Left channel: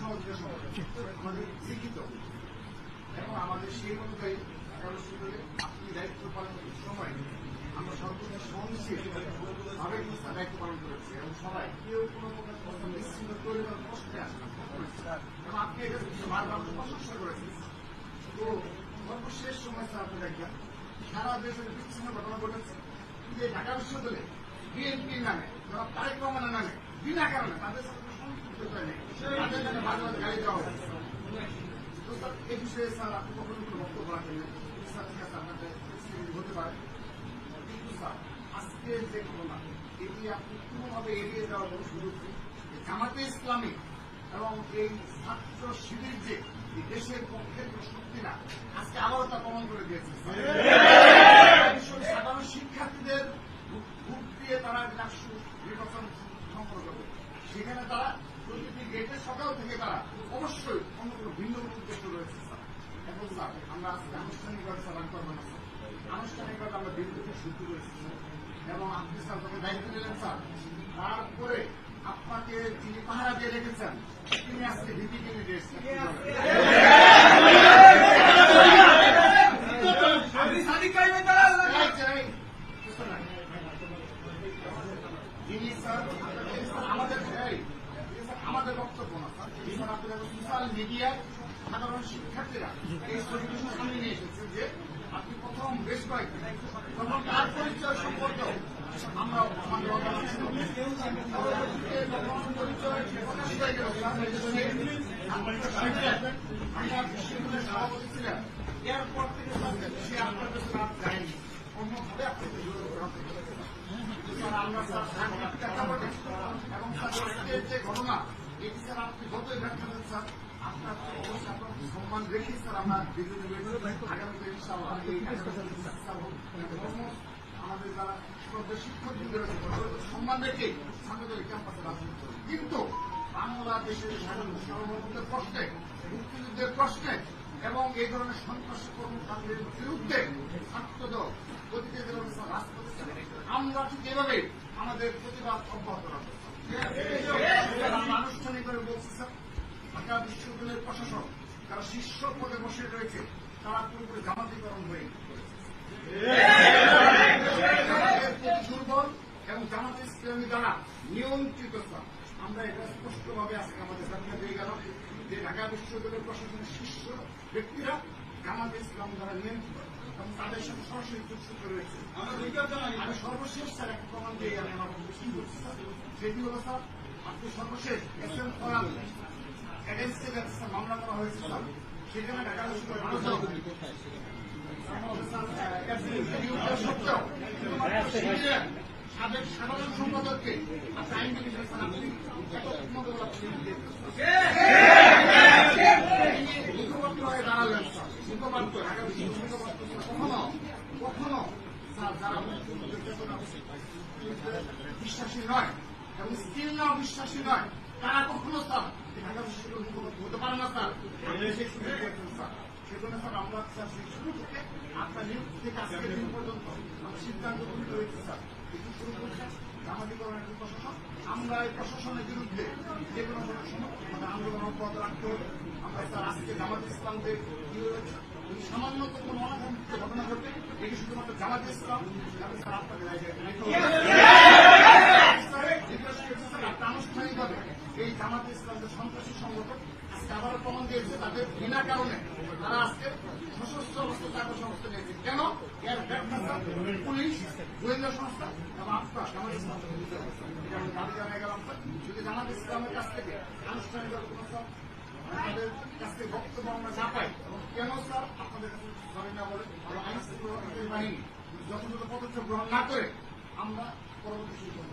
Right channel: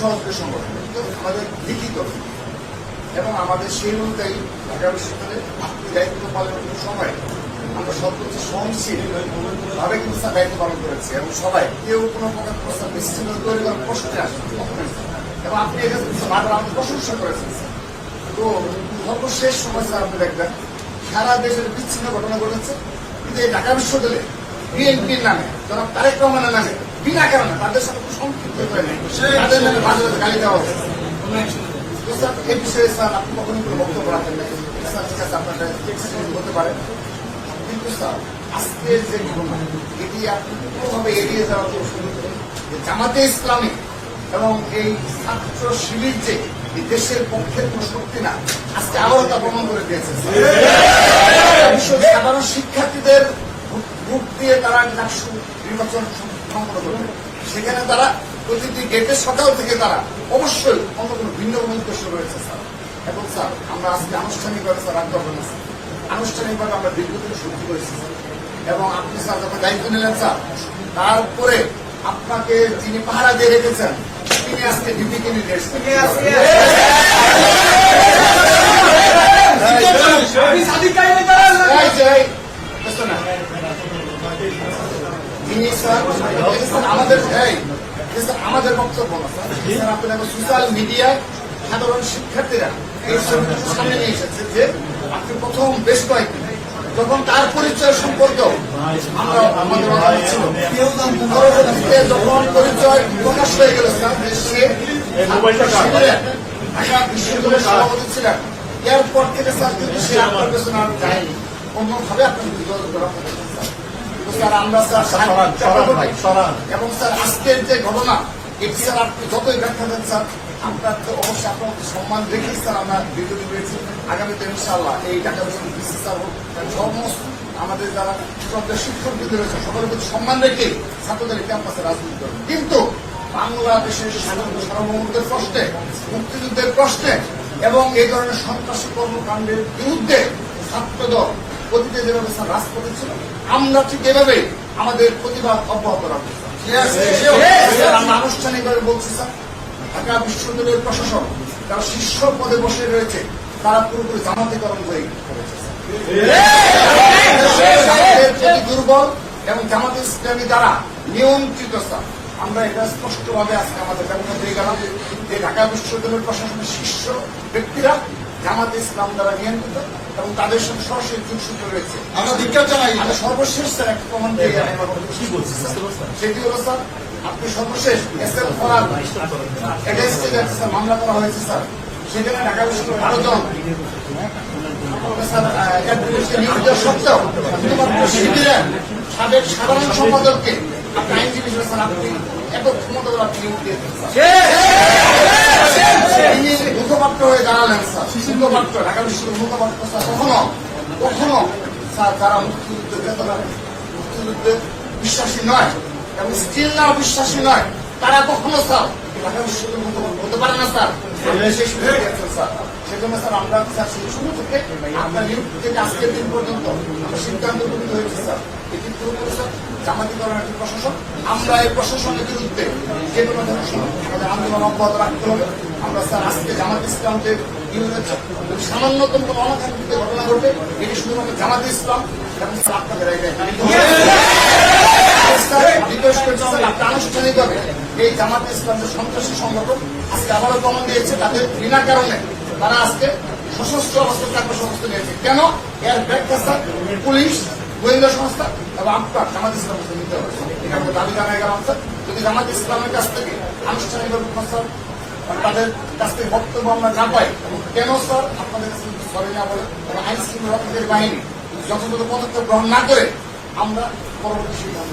সহযোগী সংগঠন আমাদের লিখিত এবং আমাদের সেই অনুযায়ী ঢাকা বিশ্ববিদ্যালয়ে দায়িত্ব পালনের সময় আমরা সর্বোচ্চ সহনশীল ভাবে কিন্তু তার দায়িত্ব পালন করেছি এবং সবাই কেউ কোনো প্রকার প্রস্তাব বিচ্ছিন্ন তৈরি করার প্রশ্নে আসে এবং আপনি এটা বারবার আমাদের প্রশংসা করেছেন। তো সর্বশেষ সময় স্যার আপনি দেখবেন সারা দেশের বিচ্ছিন্ন ঘটনা ঘটেছে, কিন্তু এই ঢাকা বিশ্ববিদ্যালয়ে বিএনপির নামে জনাব তারেক রহমানের নামে বিনা কারণে তাদের সাথে কোনো সম্পৃক্ত হয়ে নেই, তাদের নামে মাঝে মাঝে গালি দেওয়া হচ্ছে। এই বিষয়ে স্যার আপনি কখনোই কোনো বক্তব্য রাখেন নাই, স্যার ঠিক আছে আপনার হতে পারে, কিন্তু স্যার আজকের যে ঘটনা এটি আপনি কোনোভাবে এড়িয়ে যাওয়ার জন্য সুযোগ নেই। জামাতে ইসলামী এবং এই ছাত্র শিবির যে এই দেশের পক্ষের কোন শক্তি না, আজকে আবারও তা প্রমাণ করে দিয়েছে। সাধারণ শিক্ষার্থীদের ভোট দিয়ে তারা নির্বাচন সম্পন্ন করবে, সেখানে তারা প্রতিটি গেটের সকাল থেকে তারা অবশ্যই অন্য কোনো ভিন্ন কোনো উদ্দেশ্য রয়েছে স্যার। এবং স্যার আমরা আজকে আনুষ্ঠানিকভাবে স্যার আগ্রহ আছে, আনুষ্ঠানিকভাবে আমরা দীর্ঘদিন সহ্য করেছি এবং আপনি স্যার যখন দায়িত্ব নিলেন স্যার, তারপরে আপনাকে যিনি পাহারা দিয়ে রেখেছেন তিনি আজকে ডিপিকে নিয়ে এসেছেন। আমাদের বক্তব্য না স্যার, আপনার সোশ্যাল মিডিয়ায় সাধারণ শিক্ষার্থীরা এই সামনে নিয়ে এসেছে যে আপনি প্রথম বেশ কয়েকদিন যখন তার পরিচয় সম্পর্ক আমরা আমাদের অনেক ছিল, পরবর্তীতে যখন পরিচয় প্রকাশ হয়ে গেল সে ঢাকা বিশ্ববিদ্যালয়ের সভাপতি ছিলেন, এরপর থেকে স্যার কিন্তু সে আপনার পেছনে আর যায়নি, অন্যভাবে আপনাকে যোগাযোগ করা স্যার আমরা স্যার এবং স্যার আজকের যে ঘটনা এটি স্যার আপনি যতই ব্যাখ্যা দেন স্যার আপনার তো অবশ্যই আপনার সম্মান রেখেই স্যার আমরা দীর্ঘদিন রয়েছি। আগামীতে ইনশাআল্লাহ এই ঢাকা বিশ্ববিদ্যালয় স্যার সমস্ত আমাদের যারা শিক্ষকবৃন্দ রয়েছে সকলের প্রতি সম্মান রেখে ছাত্রদের ক্যাম্পাসে রাজনীতি করবে, কিন্তু বাংলাদেশের সার্বভৌমত্বের প্রশ্নে, মুক্তিযুদ্ধের প্রশ্নে এবং এই ধরনের সন্ত্রাসী কর্মকাণ্ডের বিরুদ্ধে ছাত্রদল অতীতে যেভাবে স্যার রাজপথে ছিল, আমরা ঠিক এভাবে আমাদের প্রতিবাদ অব্যাহত রাখবো। আমরা আনুষ্ঠানিকভাবে বলছি স্যার, ঢাকা বিশ্ববিদ্যালয়ের প্রশাসন যারা শীর্ষ পদে বসে রয়েছে তারা পুরোপুরি জামাতিকরণ হয়ে করেছে, দুর্বল এবং জামাতে ইসলামী দ্বারা নিয়ন্ত্রিত স্যার। আমরা এটা স্পষ্টভাবে আজকে আমাদের ব্যবহার হয়ে গেলাম যে ঢাকা বিশ্ববিদ্যালয়ের প্রশাসনের শীর্ষ ব্যক্তিরা জামাতে ইসলাম দ্বারা নিয়ন্ত্রিত এবং তাদের সঙ্গে সরাসরি যোগসূত্র রয়েছে। আমরা ধিক্কার জানাই। আমরা সর্বশেষ স্যার একটা প্রমাণ দিয়ে কি বলছি সেটি হলো স্যার, আপনি সর্বশেষ এসএল ফরাদ এগেইনস্টে স্যার মামলা করা হয়েছে স্যার, সেখানে ঢাকা বিশ্ববিদ্যালয়ের 12 জন নিয়োজিত সত্ত্বেও শুধুমাত্র শিবিরের সাবেক সাধারণ সম্পাদককে আপনি আইনজীবী হিসেবে স্যার আপনি এত ক্ষমতা আপনি নিয়োগ দিয়েছেন, তিনি মুখপাত্র হয়ে দাঁড়ালেন স্যার, মুখপাত্র ঢাকা বিশ্ববিদ্যালয়ের মুখপাত্র স্যার কখনো স্যার যারা মুক্তিযুদ্ধে বিশ্বাসী নয় এবং স্টিল নাও বিশ্বাসী নয় তারা কখনো স্যার ঢাকা বিশ্ববিদ্যালয়ের মুখপাত্র হতে পারে না স্যার। সেজন্য স্যার আমরা স্যার সেই শুরু থেকে আপনার নিয়োগ থেকে আজকের দিন পর্যন্ত আমরা সিদ্ধান্ত গ্রহণ হয়েছে স্যার, এটি পুরোপুরি স্যার জামাতিকরণের একটি প্রশাসন। আমরা এই প্রশাসনের বিরুদ্ধে যে কোনো ধরনের আমাদের আন্দোলন অব্যাহত রাখতে হবে। আমরা স্যার আজকে জামাত ইসলামদের সামান্যতম কোনো অনাকাঙ্ক্ষিত ঘটনা ঘটবে, এটি শুধুমাত্র জামাত ইসলাম এবং স্যার আপনাদের রিকোয়েস্ট করছি স্যার আপনি আনুষ্ঠানিকভাবে এই জামাত ইসলামের সন্ত্রাসী সংগঠন আজকে আবারও প্রমাণ দিয়েছে তাদের বিনা কারণে তারা আজকে সশস্ত্র অবস্থায় কর্মসংস্থা নিয়েছে। কেন? এর ব্যাখ্যা স্যার পুলিশ, গোয়েন্দা সংস্থা এবং আপনার জামাত ইসলাম নিতে হবে। এটা আমরা দাবি জানাই গেলাম স্যার, যদি জামাত ইসলামের কাছ থেকে আনুষ্ঠানিকভাবে তাদের কাছ থেকে বক্তব্য আমরা না পাই এবং কেন স্যার আপনাদের কাছে সরে না বলে এবং আইন শৃঙ্খলা রক্ষাকারী বাহিনী যথাযথ পদক্ষেপ গ্রহণ না করে আমরা পরবর্তী সিদ্ধান্ত